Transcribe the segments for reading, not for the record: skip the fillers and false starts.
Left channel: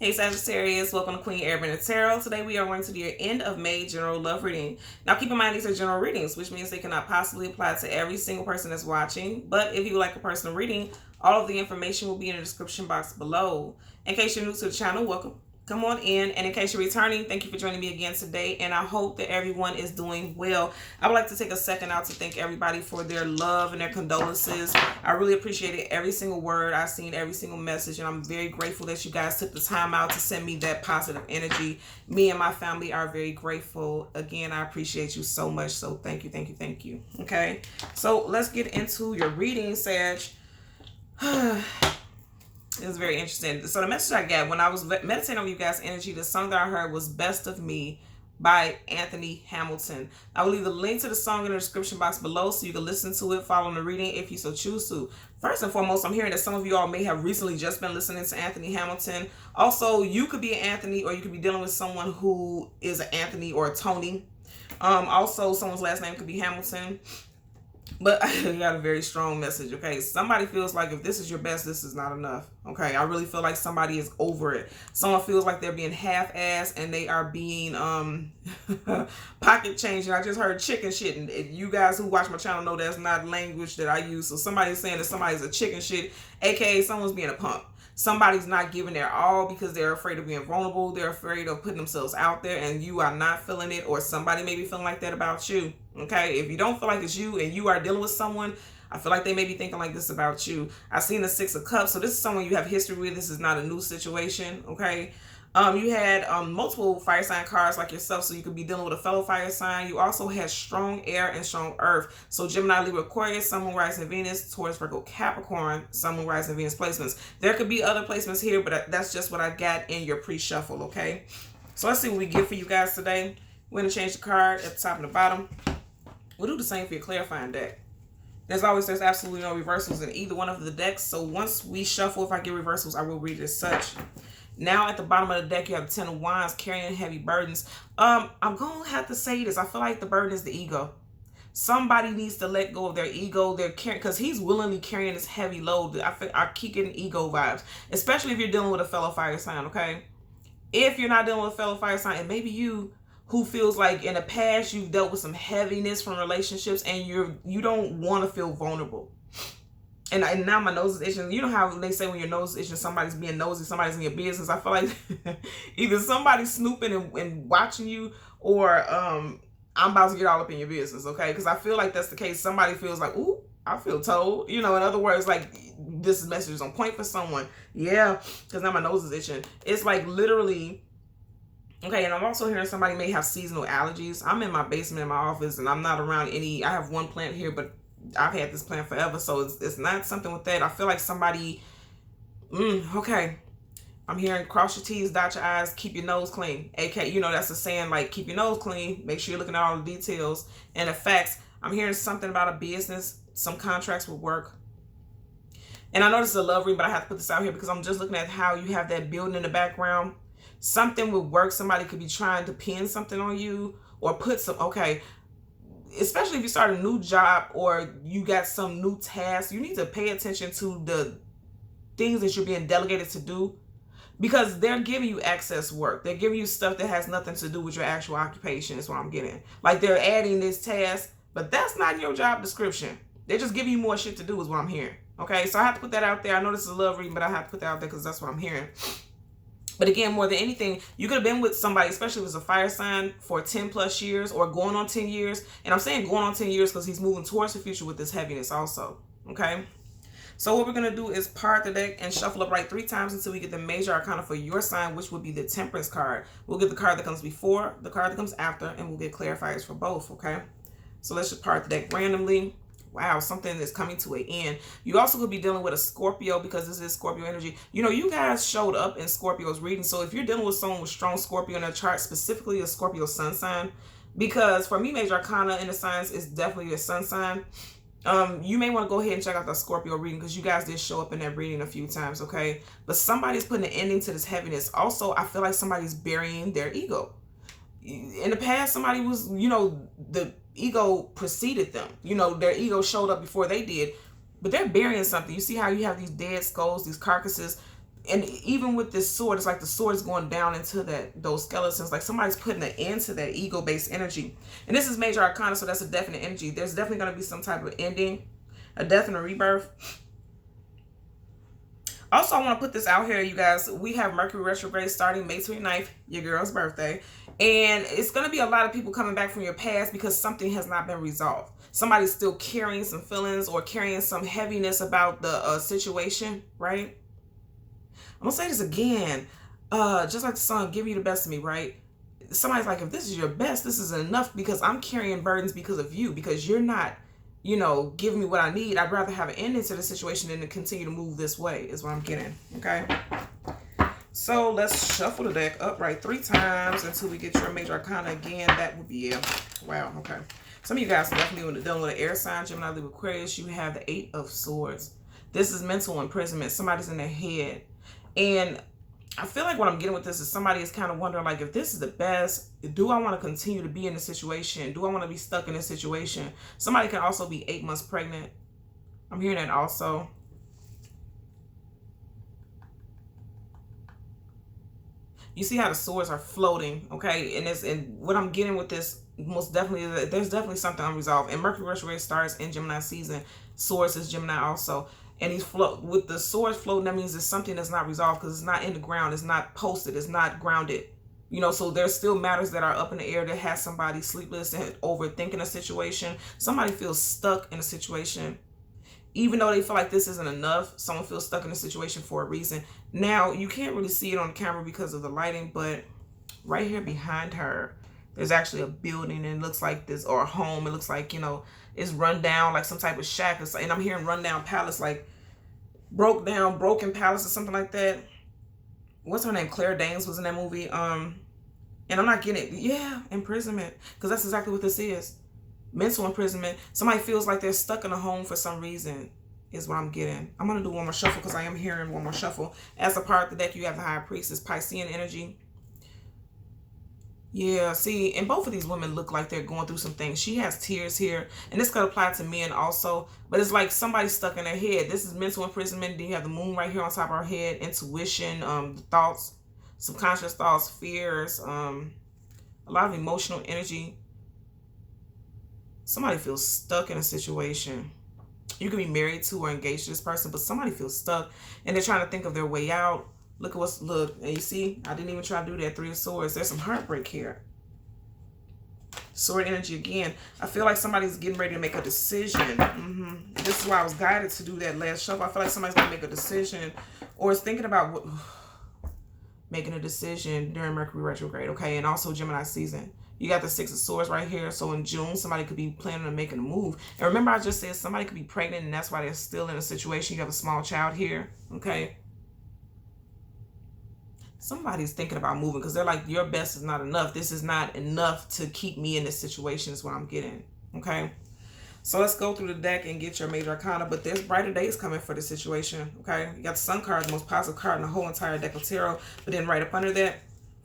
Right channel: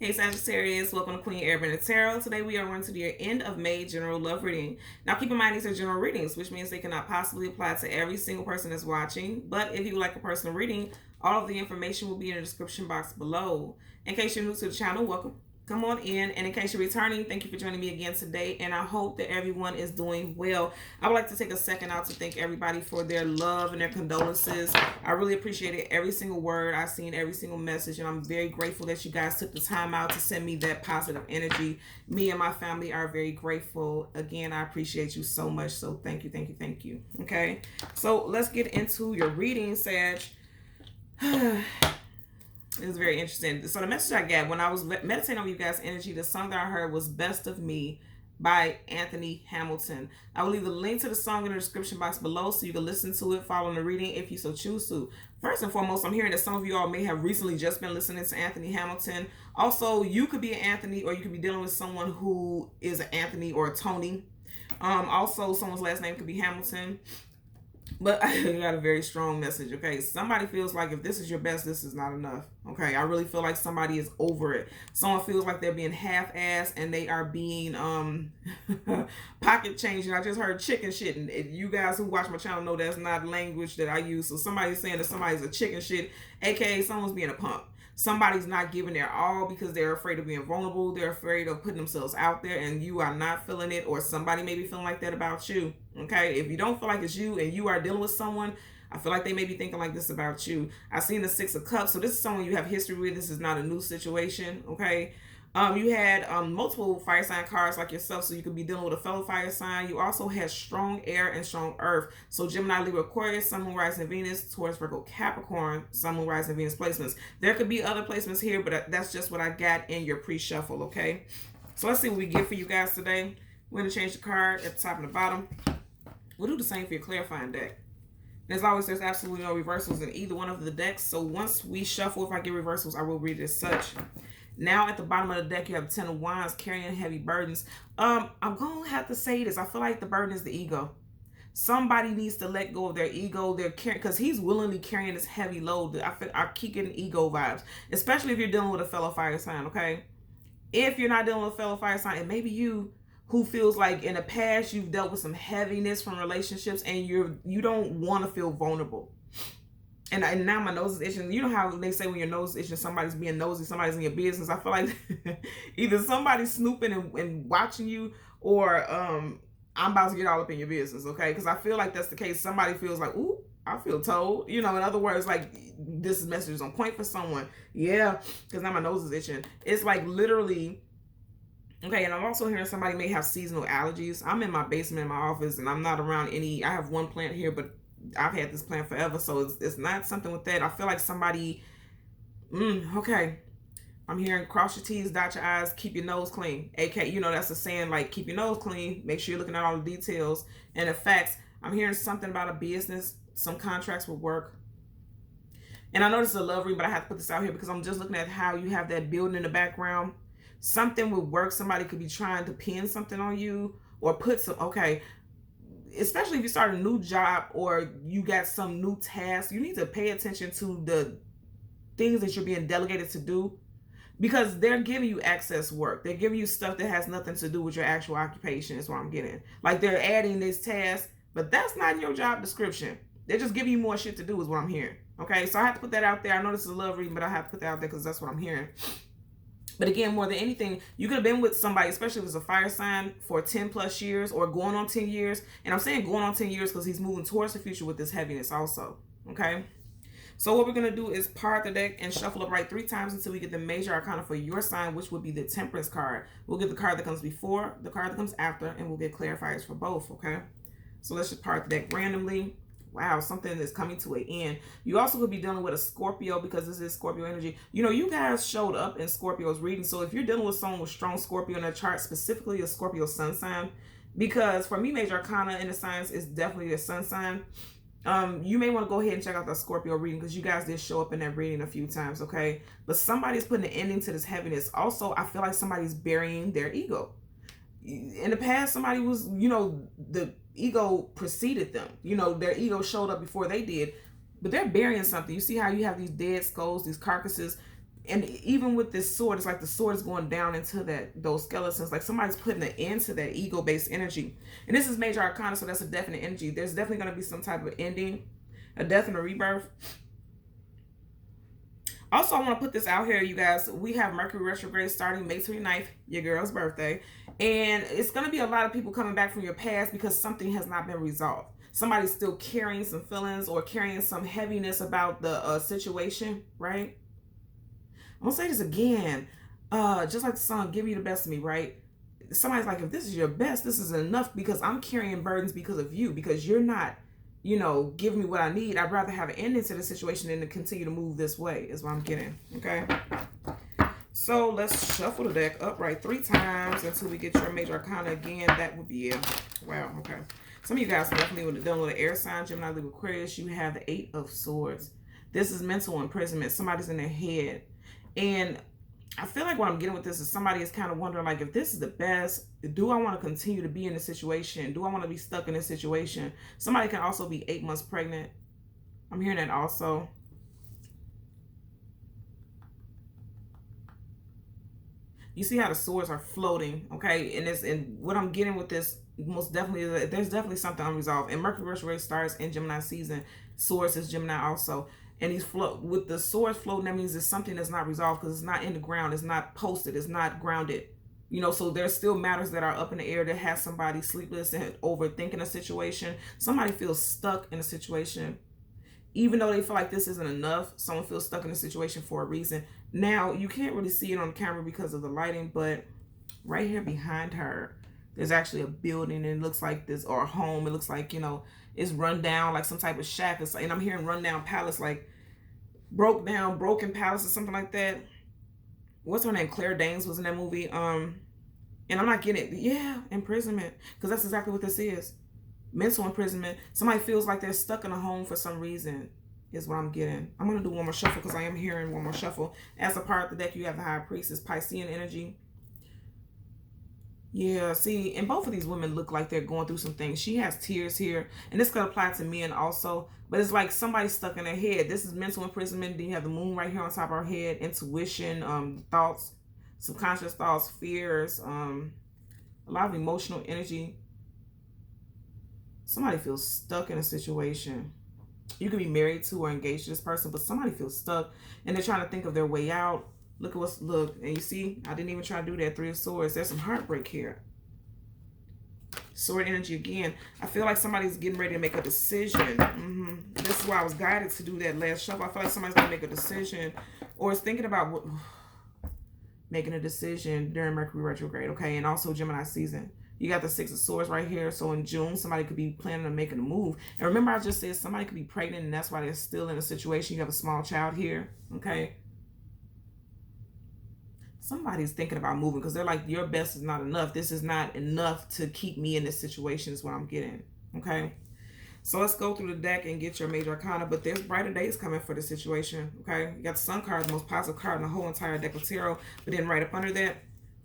Hey Sagittarius, welcome to Queen Airbender Tarot. Today we are going to do your end of May general love reading. Now keep in mind these are general readings, which means they cannot possibly apply to every single person that's watching. But if you would like a personal reading, all of the information will be in the description box below. In case you're new to the channel, welcome. Come on in, and in case you're returning, thank you for joining me again today, and I hope that everyone is doing well. I would like to take a second out to thank everybody for their love and their condolences. I really appreciated every single word. I've seen every single message, and I'm very grateful that you guys took the time out to send me that positive energy. Me and my family are very grateful. Again, I appreciate you so much, so thank you, thank you, thank you. Okay, so let's get into your reading, Sag. It was very interesting. So the message I got when I was meditating on you guys' energy, the song that I heard was Best of Me by Anthony Hamilton. I will leave the link to the song in the description box below so you can listen to it, follow the reading if you so choose to. First and foremost, I'm hearing that some of you all may have recently just been listening to Anthony Hamilton. Also, you could be an Anthony, or you could be dealing with someone who is an Anthony or a Tony. Also, someone's last name could be Hamilton. But I got a very strong message, okay? Somebody feels like if this is your best, this is not enough, okay? I really feel like somebody is over it. Someone feels like they're being half-assed and they are being pocket changing. I just heard chicken shit, and you guys who watch my channel know that's not language that I use. So somebody's saying that somebody's a chicken shit, aka someone's being a punk. Somebody's not giving their all because they're afraid of being vulnerable. They're afraid of putting themselves out there, and you are not feeling it, or somebody may be feeling like that about you. Okay, if you don't feel like it's you and you are dealing with someone, I feel like they may be thinking like this about you. I've seen the Six of Cups, so this is someone you have history with. This is not a new situation. Okay, you had multiple fire sign cards like yourself, so you could be dealing with a fellow fire sign. You also had strong air and strong earth. So Gemini, Libra, Aquarius, Sun, Moon, Rising, Venus, Taurus, Virgo, Capricorn, Sun, Moon, Rising, Venus placements. There could be other placements here, but that's just what I got in your pre-shuffle, okay? So let's see what we get for you guys today. We're going to change the card at the top and the bottom. We'll do the same for your clarifying deck. As always, there's absolutely no reversals in either one of the decks. So once we shuffle, if I get reversals, I will read it as such. Now at the bottom of the deck, you have the Ten of Wands, carrying heavy burdens. I'm going to have to say this. I feel like the burden is the ego. Somebody needs to let go of their ego. They're carrying, because he's willingly carrying this heavy load. I keep getting ego vibes, especially if you're dealing with a fellow fire sign, okay? If you're not dealing with a fellow fire sign, and maybe you who feels like in the past you've dealt with some heaviness from relationships and you don't want to feel vulnerable. And now my nose is itching. You know how they say when your nose is itching, somebody's being nosy, somebody's in your business. I feel like either somebody's snooping and watching you, or I'm about to get all up in your business, okay? Because I feel like that's the case. Somebody feels like, ooh, I feel told. You know, in other words, like this message is on point for someone. Yeah, because now my nose is itching. It's like literally... Okay, and I'm also hearing somebody may have seasonal allergies. I'm in my basement in my office, and I'm not around any... I have one plant here, but I've had this plant forever, so it's not something with that. I feel like somebody... okay. I'm hearing cross your T's, dot your I's, keep your nose clean. AK, you know, that's a saying, like, keep your nose clean. Make sure you're looking at all the details and the facts. I'm hearing something about a business. Some contracts will work. And I know this is a love read, but I have to put this out here because I'm just looking at how you have that building in the background. Something would work. Somebody could be trying to pin something on you or put some... Okay, especially if you start a new job or you got some new task, you need to pay attention to the things that you're being delegated to do, because they're giving you excess work. They're giving you stuff that has nothing to do with your actual occupation is what I'm getting. Like they're adding this task, but that's not your job description. They're just giving you more shit to do is what I'm hearing. Okay, so I have to put that out there. I know this is a love reading, but I have to put that out there because that's what I'm hearing. But again, more than anything, you could have been with somebody, especially if it's a fire sign, for 10 plus years or going on 10 years. And I'm saying going on 10 years because he's moving towards the future with this heaviness also. Okay. So what we're going to do is part the deck and shuffle upright 3 times until we get the major arcana for your sign, which would be the Temperance card. We'll get the card that comes before, the card that comes after, and we'll get clarifiers for both. Okay. So let's just part the deck randomly. Wow, something is coming to an end. You also could be dealing with a Scorpio because this is Scorpio energy. You know, you guys showed up in Scorpio's reading. So if you're dealing with someone with strong Scorpio in their chart, specifically a Scorpio sun sign, because for me, major arcana in the signs is definitely the sun sign. You may want to go ahead and check out the Scorpio reading because you guys did show up in that reading a few times, okay? But somebody's putting an ending to this heaviness. Also, I feel like somebody's burying their ego. In the past, somebody was, you know, the ego preceded them. You know, their ego showed up before they did, but they're burying something. You see how you have these dead skulls, these carcasses. And even with this sword, it's like the sword is going down into those skeletons. Like somebody's putting an end to that ego-based energy. And this is major arcana, so that's a definite energy. There's definitely going to be some type of ending, a death and a rebirth. Also, I want to put this out here, you guys. We have Mercury retrograde starting May 29th, your girl's birthday. And it's going to be a lot of people coming back from your past because something has not been resolved. Somebody's still carrying some feelings or carrying some heaviness about the situation, right? I'm going to say this again. Just like the song, Give You the Best of Me, right? Somebody's like, if this is your best, this is enough because I'm carrying burdens because of you, because you're not, you know, giving me what I need. I'd rather have an ending to the situation than to continue to move this way, is what I'm getting, okay? So let's shuffle the deck upright 3 times until we get your major arcana again. That would be it. Wow, okay. Some of you guys are definitely dealing with an air sign, Gemini, Libra, Aquarius. You have the 8 of Swords. This is mental imprisonment. Somebody's in their head. And I feel like what I'm getting with this is somebody is kind of wondering, like, if this is the best, do I want to continue to be in this situation? Do I want to be stuck in this situation? Somebody can also be 8 months pregnant. I'm hearing that also. You see how the swords are floating, okay? And what I'm getting with this most definitely is that there's definitely something unresolved. And Mercury retrograde starts in Gemini season. Swords is Gemini also. And he's with the swords floating, that means it's something that's not resolved because it's not in the ground. It's not posted. It's not grounded. You know, so there's still matters that are up in the air that has somebody sleepless and overthinking a situation. Somebody feels stuck in a situation. Even though they feel like this isn't enough, someone feels stuck in a situation for a reason. Now, you can't really see it on camera because of the lighting, but right here behind her, there's actually a building, and it looks like this, or a home. It looks like, you know, it's run down, like some type of shack. And I'm hearing run down palace, like broken palace or something like that. What's her name? Claire Danes was in that movie. And I'm not getting it. Yeah, imprisonment. Because that's exactly what this is. Mental imprisonment. Somebody feels like they're stuck in a home for some reason, is what I'm getting. I'm going to do one more shuffle because I am hearing one more shuffle. As a part of the deck, you have the High Priestess, Piscean energy. Yeah, see, and both of these women look like they're going through some things. She has tears here, and this could apply to men also, but it's like somebody's stuck in their head. This is mental imprisonment. Then you have the moon right here on top of our head, intuition, thoughts, subconscious thoughts, fears, a lot of emotional energy. Somebody feels stuck in a situation. You can be married to or engaged to this person, but somebody feels stuck, and they're trying to think of their way out. Look at and you see, I didn't even try to do that. 3 of Swords. There's some heartbreak here. Sword energy again. I feel like somebody's getting ready to make a decision. This is why I was guided to do that last shuffle. I feel like somebody's going to make a decision, or is thinking about making a decision during Mercury retrograde, okay? And also Gemini season. You got the 6 of Swords right here. So in June, somebody could be planning on making a move. And remember, I just said somebody could be pregnant, and that's why they're still in a situation. You have a small child here, okay? Somebody's thinking about moving because they're like, your best is not enough. This is not enough to keep me in this situation is what I'm getting, okay? So let's go through the deck and get your major arcana, but there's brighter days coming for the situation, okay? You got the Sun card, the most positive card in the whole entire deck of tarot, but then right up under that,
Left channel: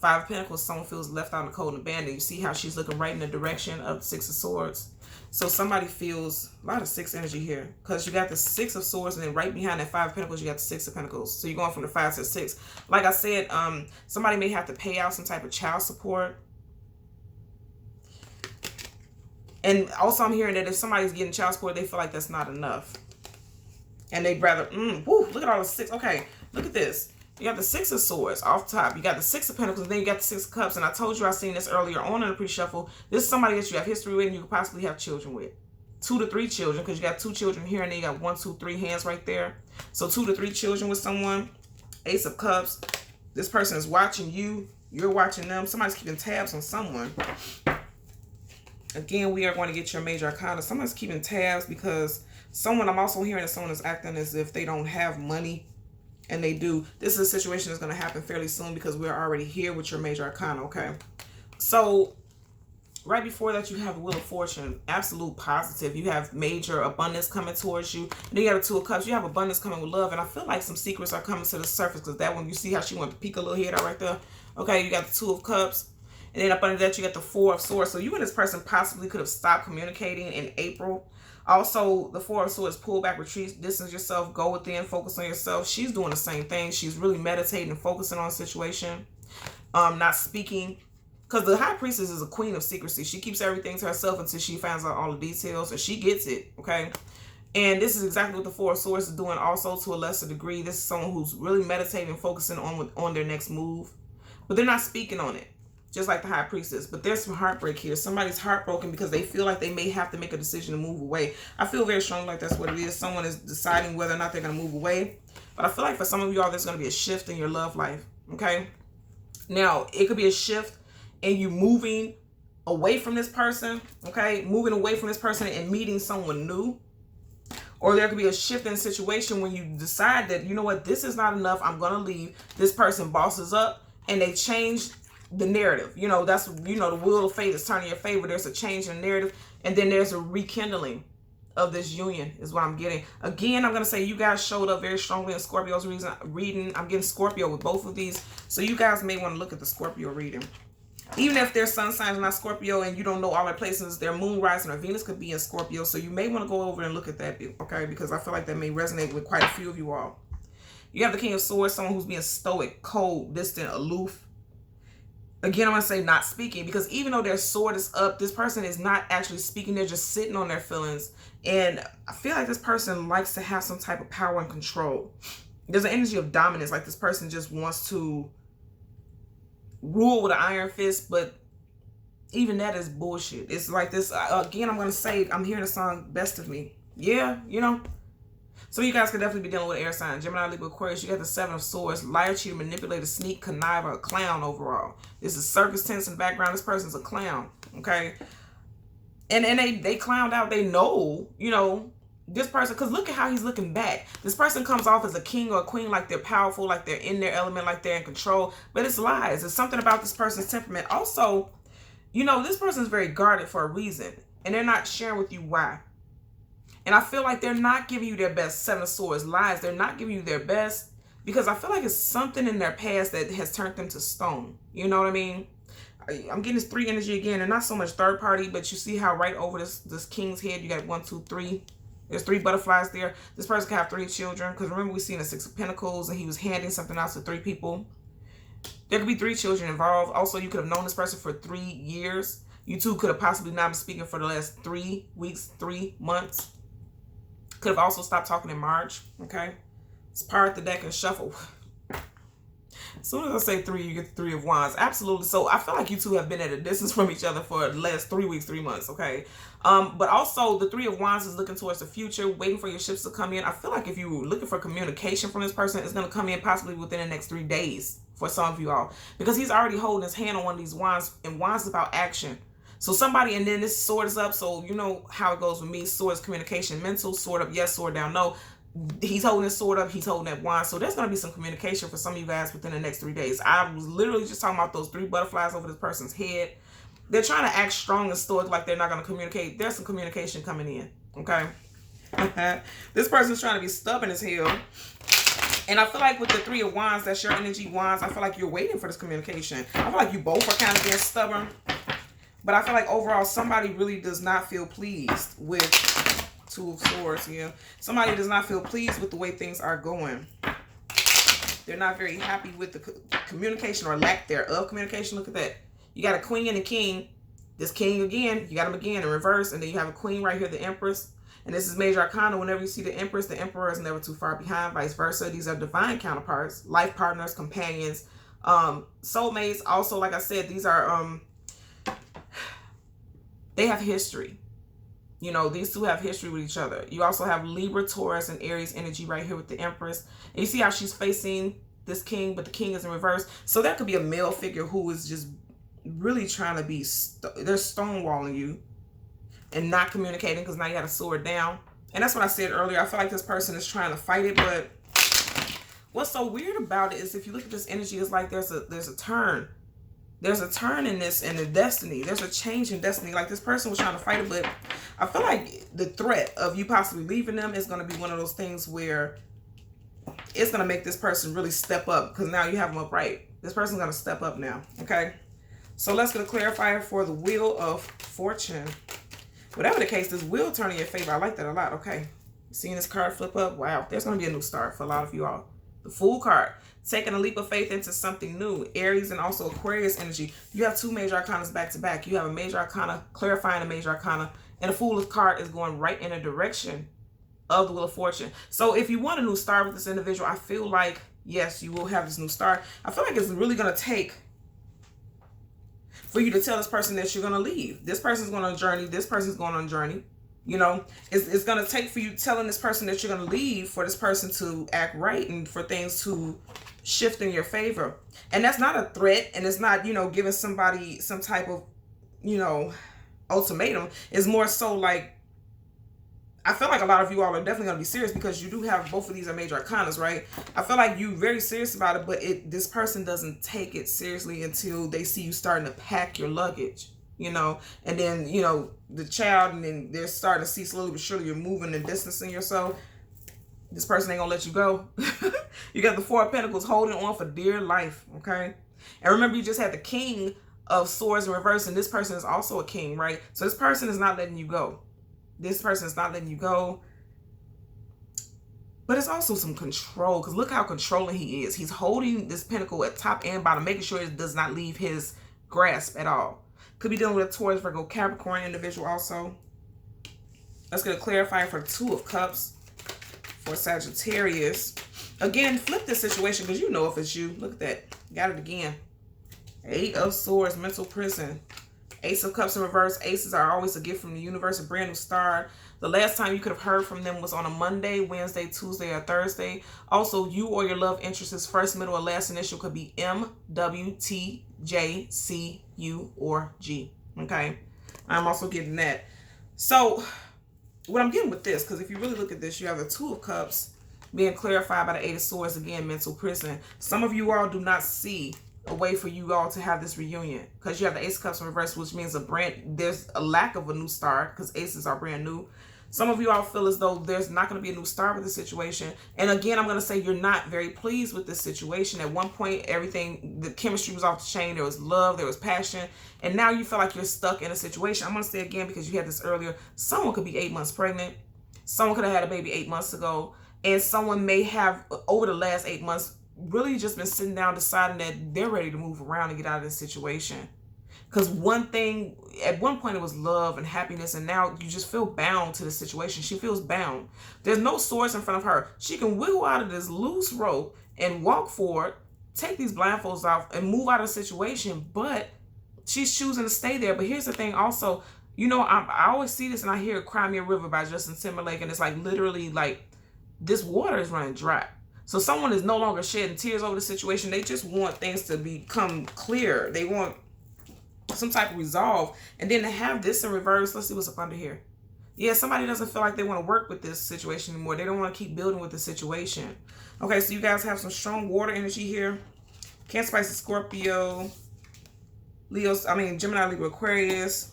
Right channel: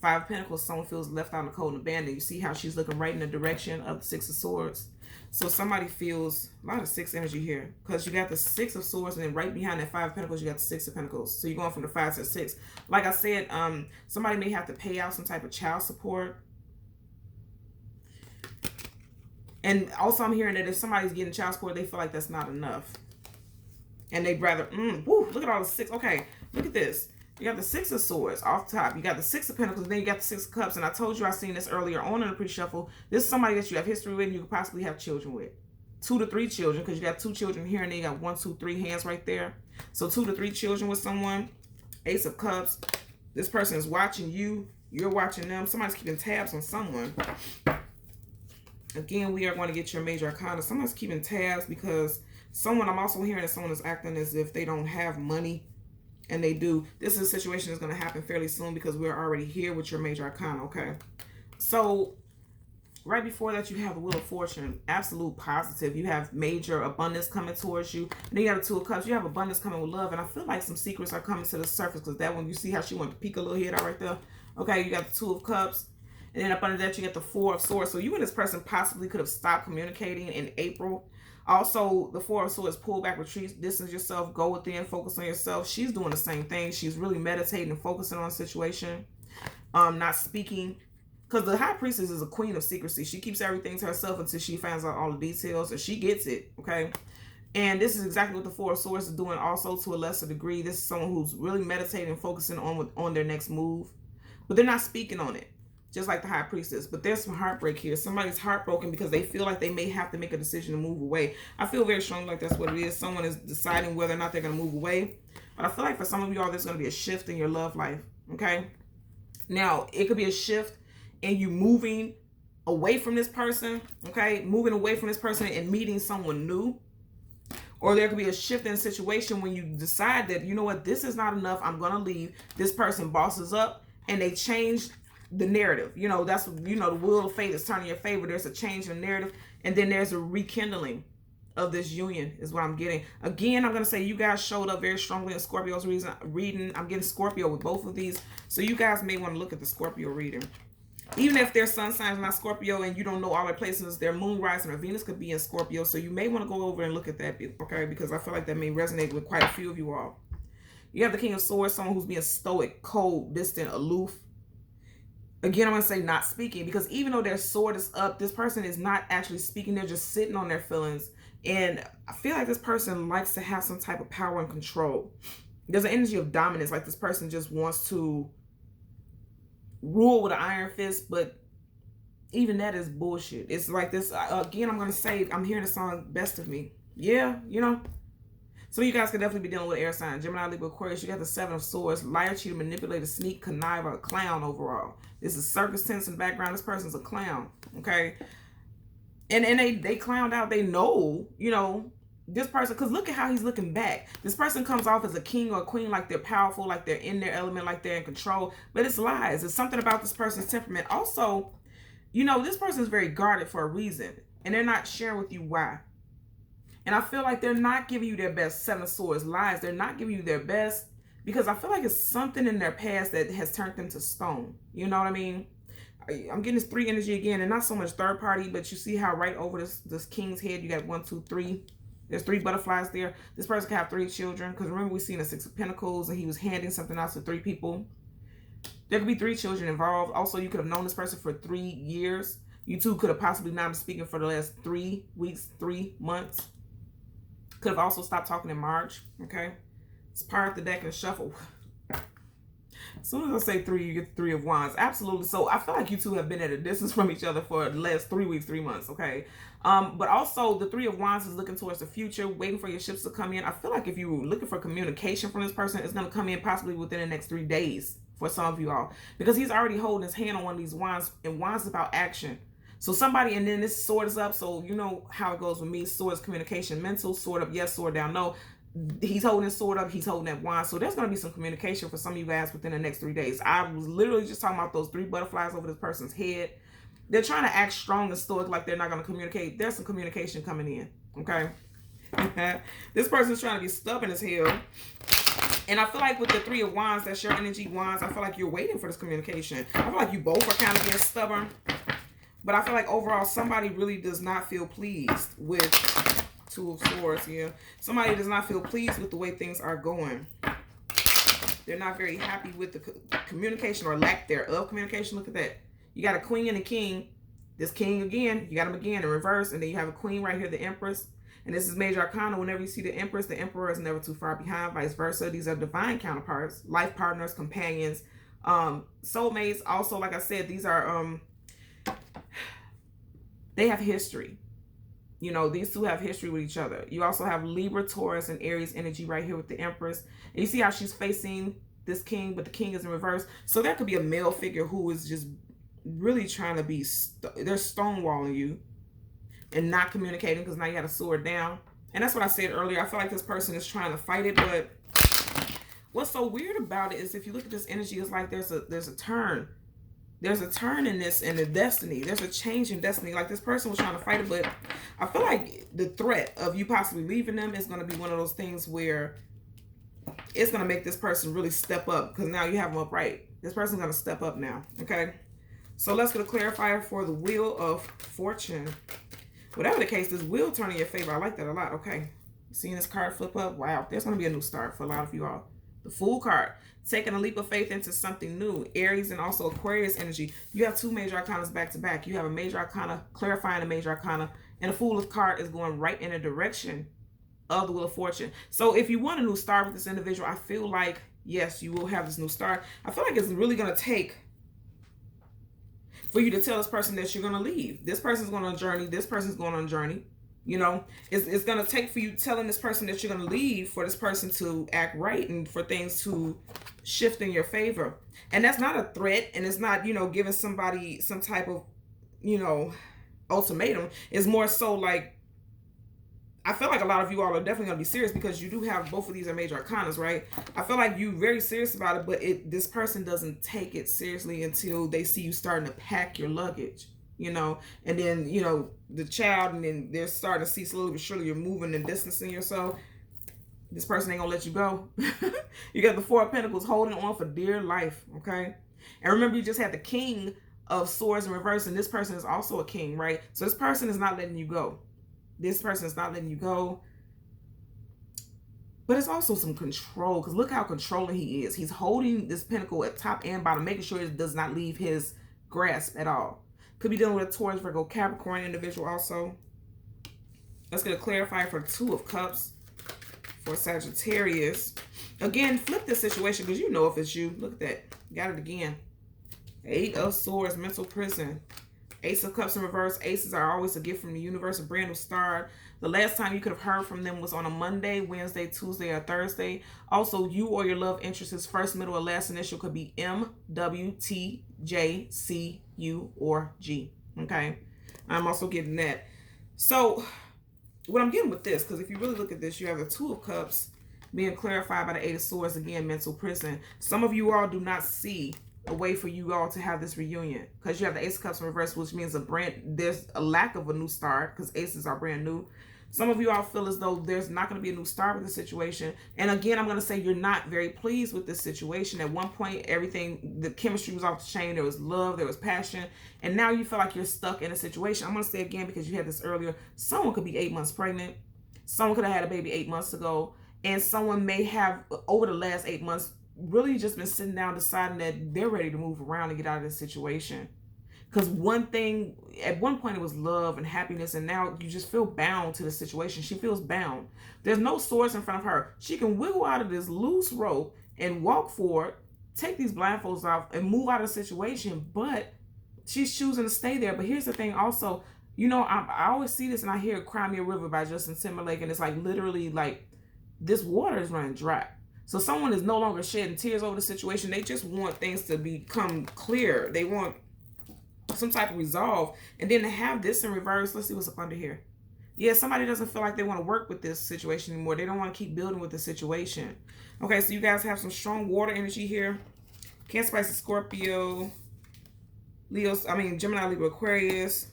5 of Pentacles, someone feels left out in the cold and abandoned. You see how she's looking right in the direction of the 6 of Swords. So somebody feels a lot of 6 energy here because you got the 6 of Swords, and then right behind that 5 of Pentacles, you got the 6 of Pentacles. So you're going from the 5 to the 6. Like I said, somebody may have to pay out some type of child support. And also I'm hearing that if somebody's getting child support, they feel like that's not enough. And they'd rather, look at all the 6. Okay, look at this. You got the 6 of Swords off top. You got the 6 of Pentacles, and then you got the 6 of Cups. And I told you I seen this earlier on in the pre-shuffle. This is somebody that you have history with and you could possibly have children with. 2 to 3 children, because you got 2 children here, and then you got 1, 2, 3 hands right there. So 2 to 3 children with someone. Ace of Cups. This person is watching you. You're watching them. Somebody's keeping tabs on someone. Again, we are going to get your major arcana. Someone's keeping tabs because someone, I'm also hearing that someone is acting as if they don't have money. And they do. This is a situation that's going to happen fairly soon because we're already here with your major arcana, okay? So, right before that, you have the Wheel of Fortune. Absolute positive. You have major abundance coming towards you. And then you have the 2 of Cups. You have abundance coming with love. And I feel like some secrets are coming to the surface because that one, you see how she went to peek a little head out right there? Okay, you got the 2 of Cups. And then up under that, you got the 4 of Swords. So you and this person possibly could have stopped communicating in April. Also, the Four of Swords, pull back, retreat, distance yourself, go within, focus on yourself. She's doing the same thing. She's really meditating and focusing on a situation, not speaking. Because the High Priestess is a queen of secrecy. She keeps everything to herself until she finds out all the details, and she gets it, okay? And this is exactly what the Four of Swords is doing also to a lesser degree. This is someone who's really meditating and focusing on their next move. But they're not speaking on it, just like the High Priestess. But there's some heartbreak here. Somebody's heartbroken because they feel like they may have to make a decision to move away. I feel very strongly like that's what it is. Someone is deciding whether or not they're going to move away. But I feel like for some of y'all, there's going to be a shift in your love life, okay? Now, it could be a shift in you moving away from this person, okay? Moving away from this person and meeting someone new. Or there could be a shift in the situation when you decide that, you know what, this is not enough, I'm going to leave. This person bosses up and they change the narrative. You know, that's, you know, the wheel of fate is turning your favor. There's a change in the narrative. And then there's a rekindling of this union is what I'm getting. Again, I'm going to say you guys showed up very strongly in Scorpio's reading. I'm getting Scorpio with both of these. So you guys may want to look at the Scorpio reading. Even if their sun sign is not Scorpio and you don't know all their places, their moon, rising, or Venus could be in Scorpio. So you may want to go over and look at that, okay? Because I feel like that may resonate with quite a few of you all. You have the King of Swords, someone who's being stoic, cold, distant, aloof. Again, I'm going to say not speaking, because even though their sword is up, this person is not actually speaking. They're just sitting on their feelings. And I feel like this person likes to have some type of power and control. There's an energy of dominance, like this person just wants to rule with an iron fist, but even that is bullshit. It's like this, again, I'm going to say, I'm hearing the song Best of Me. Yeah, you know. So you guys could definitely be dealing with air sign. Gemini, Libra, Aquarius. You got the Seven of Swords. Liar, cheater, manipulator, sneak, conniver, a clown overall. This is circus tents in the background. This person's a clown, okay? And they clowned out. They know, you know, this person, because look at how he's looking back. This person comes off as a king or a queen, like they're powerful, like they're in their element, like they're in control. But it's lies. It's something about this person's temperament. Also, you know, this person is very guarded for a reason. And they're not sharing with you why. And I feel like they're not giving you their best. Seven of Swords, lies. They're not giving you their best because I feel like it's something in their past that has turned them to stone. You know what I mean? I'm getting this 3 energy again, and not so much third party, but you see how right over this king's head, you got 1, 2, 3. There's 3 butterflies there. This person can have 3 children, because remember we seen the 6 of Pentacles, and he was handing something out to 3 people. There could be 3 children involved. Also, you could have known this person for 3 years. You two could have possibly not been speaking for the last 3 weeks, 3 months. Could have also stopped talking in March, okay? It's part the deck and shuffle. As soon as I say 3, you get the 3 of Wands. Absolutely. So I feel like you two have been at a distance from each other for the last 3 weeks, 3 months, okay? But also the 3 of Wands is looking towards the future, waiting for your ships to come in. I feel like if you're looking for communication from this person, it's going to come in possibly within the next 3 days for some of you all. Because he's already holding his hand on one of these Wands, and Wands is about action. So somebody, and then this sword is up. So you know how it goes with me. Sword is communication, mental. Sword up, yes. Sword down, no. He's holding his sword up. He's holding that wand. So there's going to be some communication for some of you guys within the next 3 days. I was literally just talking about those 3 butterflies over this person's head. They're trying to act strong and stoic like they're not going to communicate. There's some communication coming in, okay? This person's trying to be stubborn as hell. And I feel like with the 3 of Wands, that's your energy, Wands. I feel like you're waiting for this communication. I feel like you both are kind of being stubborn. But I feel like overall, somebody really does not feel pleased with 2 of Swords here. Somebody does not feel pleased with the way things are going. They're not very happy with the communication or lack thereof communication. Look at that. You got a queen and a king. This king again, you got him again in reverse. And then you have a queen right here, the Empress. And this is Major Arcana. Whenever you see the Empress, the Emperor is never too far behind, vice versa. These are divine counterparts, life partners, companions, soulmates. Also, like I said, these are... they have history. You know, these two have history with each other. You also have Libra, Taurus, and Aries energy right here with the Empress. And you see how she's facing this king, but the king is in reverse. So that could be a male figure who is just really trying to be, they're stonewalling you and not communicating because now you got a sword down. And that's what I said earlier. I feel like this person is trying to fight it, but what's so weird about it is if you look at this energy, it's like there's a turn. There's a turn in this, in the destiny. There's a change in destiny. Like this person was trying to fight it, but I feel like the threat of you possibly leaving them is going to be one of those things where it's going to make this person really step up because now you have them upright. This person's going to step up now, okay? So let's get a clarifier for the Wheel of Fortune. Whatever the case, this will turn in your favor. I like that a lot. Okay. Seeing this card flip up. Wow. There's going to be a new start for a lot of you all. The Fool card. Taking a leap of faith into something new. Aries and also Aquarius energy. You have two major arcanas back to back. You have a major arcana clarifying a major arcana. And the Fool card is going right in a direction of the Wheel of Fortune. So if you want a new start with this individual, I feel like, yes, you will have this new start. I feel like it's really going to take for you to tell this person that you're going to leave. This person's going on a journey. This person's going on a journey. You know, it's going to take for you telling this person that you're going to leave for this person to act right and for things to shift in your favor. And that's not a threat. And it's not, you know, giving somebody some type of, you know, ultimatum. It's more so like, I feel like a lot of you all are definitely going to be serious because you do have both of these are major arcanas, right? I feel like you're very serious about it, but this person doesn't take it seriously until they see you starting to pack your luggage, you know? And then, you know, the child, and then they're starting to see slowly but surely you're moving and distancing yourself. This person ain't going to let you go. You got the Four of Pentacles holding on for dear life, okay? And remember, you just had the King of Swords in reverse, and this person is also a king, right? So this person is not letting you go. This person is not letting you go. But it's also some control, because look how controlling he is. He's holding this pentacle at top and bottom, making sure it does not leave his grasp at all. Could be dealing with a Taurus, Virgo, Capricorn individual also. Let's get a clarifier for Two of Cups for Sagittarius. Again, flip this situation because you know if it's you. Look at that. Got it again. Eight of Swords, mental prison. Ace of Cups in reverse. Aces are always a gift from the universe, a brand new start. The last time you could have heard from them was on a Monday, Wednesday, Tuesday, or Thursday. Also, you or your love interest's first, middle, or last initial could be M, W, T, J, C, U, or G. Okay? I'm also getting that. So, what I'm getting with this, because if you really look at this, you have the Two of Cups being clarified by the Eight of Swords, again, mental prison. Some of you all do not see a way for you all to have this reunion because you have the Ace of Cups in reverse, which means there's a lack of a new start because aces are brand new. Some of you all feel as though there's not going to be a new start with the situation. And again, I'm going to say you're not very pleased with this situation. At one point, the chemistry was off the chain. There was love, there was passion. And now you feel like you're stuck in a situation. I'm going to say again, because you had this earlier, someone could be 8 months pregnant. Someone could have had a baby 8 months ago. And someone may have, over the last 8 months, really just been sitting down deciding that they're ready to move around and get out of this situation. Because one thing, at one point it was love and happiness, and now you just feel bound to the situation. She feels bound. There's no swords in front of her. She can wiggle out of this loose rope and walk forward, take these blindfolds off, and move out of the situation, but she's choosing to stay there. But here's the thing also, you know, I always see this and I hear Cry Me a River by Justin Timberlake, and it's like literally like this water is running dry. So someone is no longer shedding tears over the situation. They just want things to become clear. They want some type of resolve. And then to have this in reverse, let's see what's up under here. Yeah, somebody doesn't feel like they want to work with this situation anymore. They don't want to keep building with the situation. Okay, so you guys have some strong water energy here. Cancer, Pisces, Scorpio, Gemini, Libra, Aquarius,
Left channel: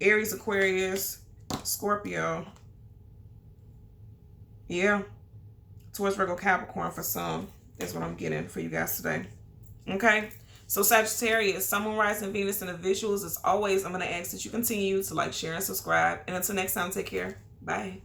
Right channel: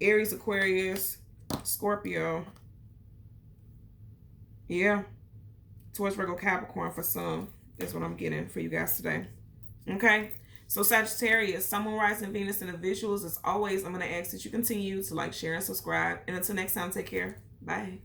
Aries, Aquarius, Scorpio. Yeah. Taurus, Virgo, Capricorn for some. That's what I'm getting for you guys today. Okay. So Sagittarius, Sun, Moon, Rising, Venus, and the visuals. As always, I'm going to ask that you continue to like, share, and subscribe. And until next time, take care. Bye.